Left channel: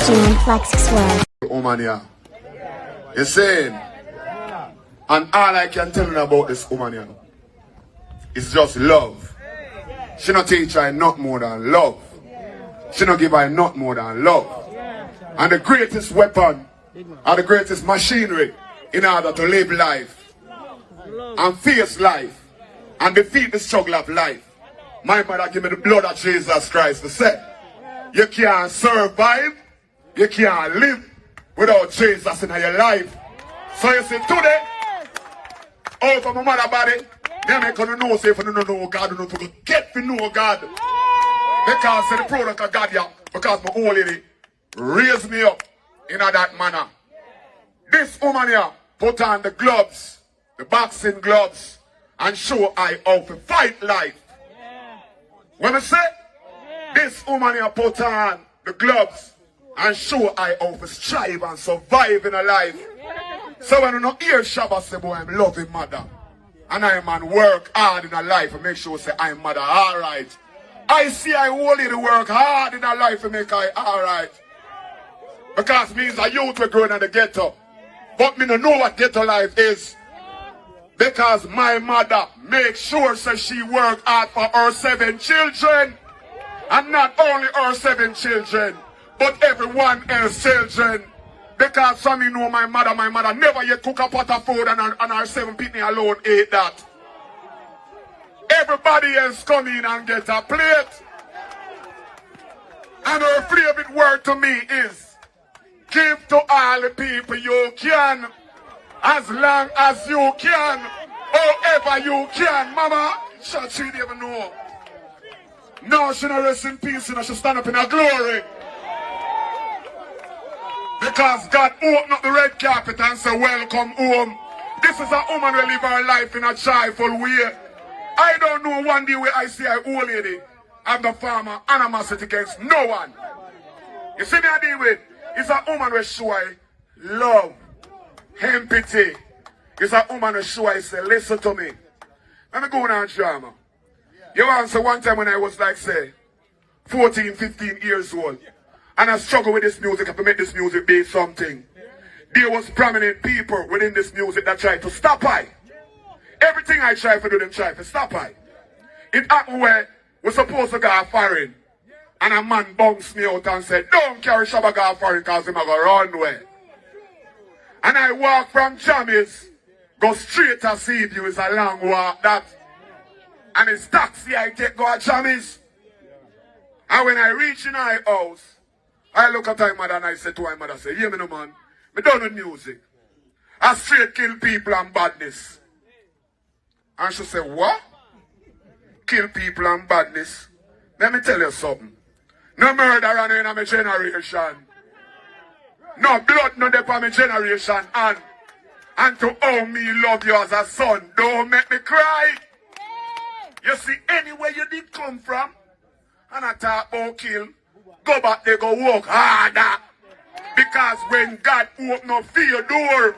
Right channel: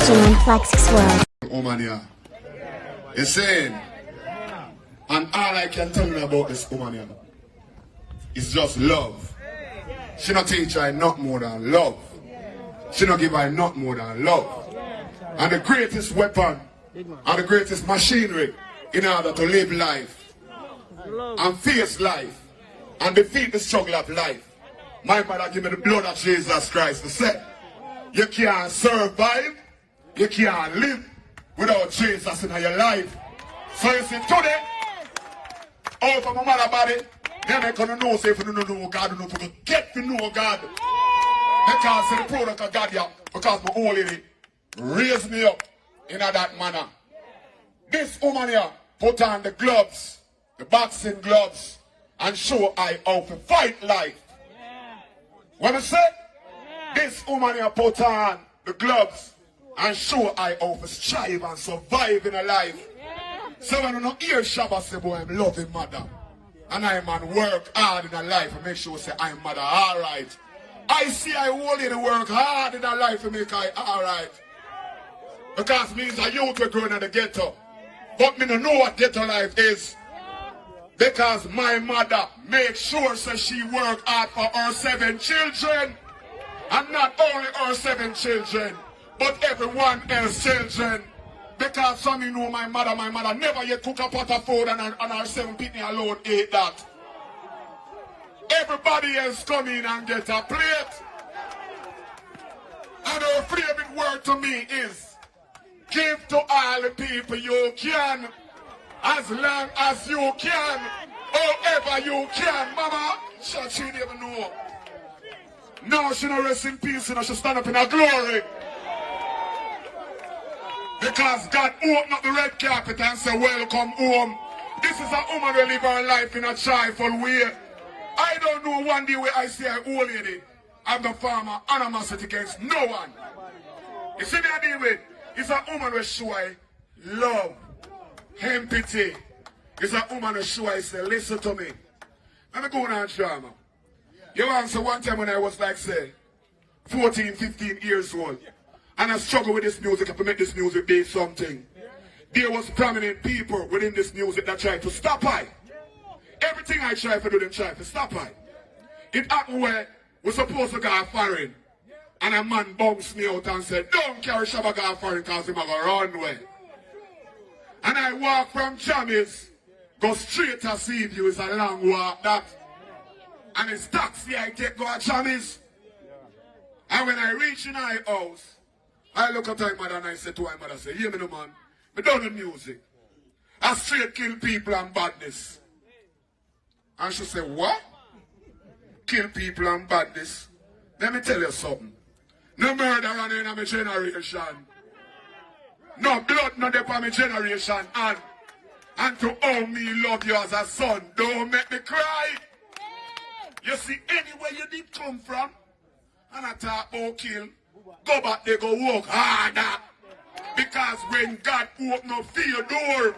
Flex World. Woman, yeah. You see? And all I can tell you about this woman, yeah, is just love. She not teach her not more than love. She not give her not more than love. And the greatest weapon, or the greatest machinery in order to live life and face life and defeat the struggle of life. My mother give me the blood of Jesus Christ to say, you can't survive, you can't live without Jesus in your life. So you see, today, out of my mother body, they make you know, say, if you don't know God, you don't have to get to know God. Because the product of God, yeah, because my old lady raised me up in that manner. This woman here put on the gloves, the boxing gloves, and show I how to fight life. When I say, this woman here put on the gloves and show I how to strive and survive in a life. So when you don't hear Shabba say, boy, I'm loving mother. And I man work hard in a life and make sure say I'm mother alright. I see I only to work hard in a life to make I alright. Because means a youth will grow in the ghetto. But me don't know what ghetto life is. Because my mother makes sure that she work hard for her 7 children. And not only her 7 children, but everyone else children. Because some you know my mother never yet cook a pot of food and her 7 people alone ate that. Everybody else come in and get a plate. And her favorite word to me is, give to all the people you can, as long as you can, however you can. Mama, she never know. No, she not rest in peace, and she stand up in her glory. Because God opened up the red carpet and said, welcome home. This is a woman who live her life in a joyful way. I don't know one day where I see an old lady and the farmer animosity against no one. You see me I deal with? It's a woman who show I love, empathy. It's a woman who show I say, listen to me. Let me go on drama. You answer one time when I was like, say, 14, 15 years old. And I struggle with this music to make this music be something. There was prominent people within this music that tried to stop I. Everything I try to do, them try to stop I. It happened where we're supposed to go foreign. And a man bounced me out and said, don't carry Shabba go foreign because he's going to run away. And I walk from Jammies, go straight to Seaview. It's a long walk that. And it's taxi I take go to Jammies. And when I reach in my house, I look at my mother and I say to my mother, say, hear me no man, me done with music. I straight kill people and badness. And she said, what? Kill people and badness? Let me tell you something. No murder on in my generation. No blood no dey for my generation. And to how me love you as a son, don't make me cry. You see, anywhere you did come from, and I talk about kill, go back there, go walk harder. Because when God open up your door,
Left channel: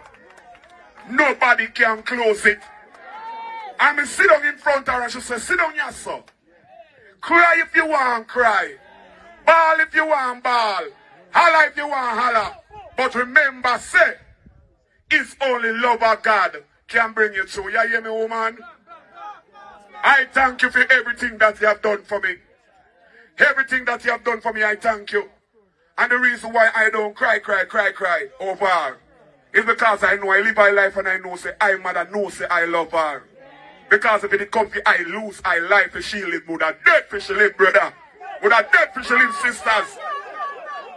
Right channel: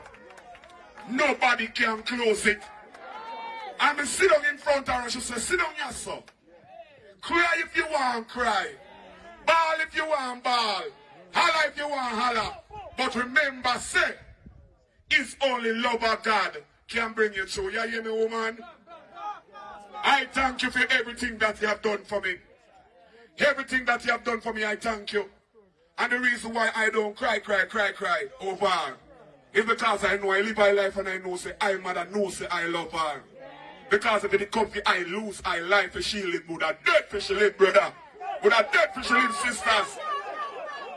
nobody can close it. And me sit down in front of her and she said, sit down yourself. Cry if you want cry. Bawl if you want bawl. Holla if you want holla. But remember, say, it's only love of God can bring you through. You hear me, woman? I thank you for everything that you have done for me. Everything that you have done for me, I thank you. And the reason why I don't cry over her is because I know I live my life and I know, say, I mother know, say, I love her. Because if it come to I lose, I life for she live, would a death for she live, brother. Would a death for she live, sisters.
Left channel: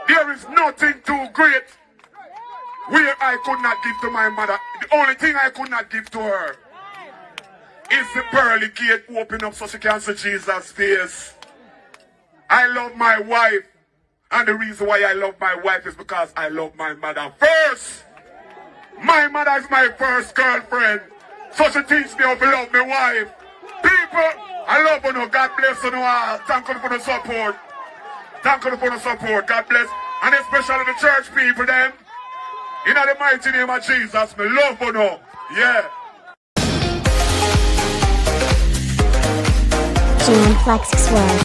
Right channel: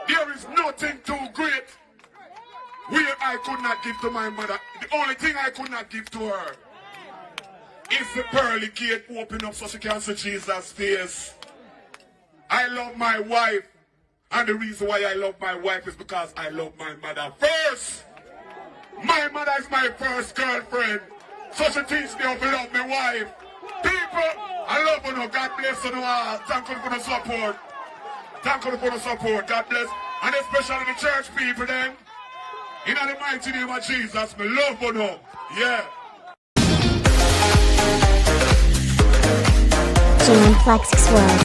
There is nothing too great where I could not give to my mother. The only thing I could not give to her is the pearly gate open up so she can see Jesus' face. I love my wife. And the reason why I love my wife is because I love my mother first. My mother is my first girlfriend. So she teach me how to love my wife. People, I love you. God bless you all. Thank you for the support. Thank you for the support. God bless. And especially the church people then. In the mighty name of Jesus, me love you. Yeah. Flex World.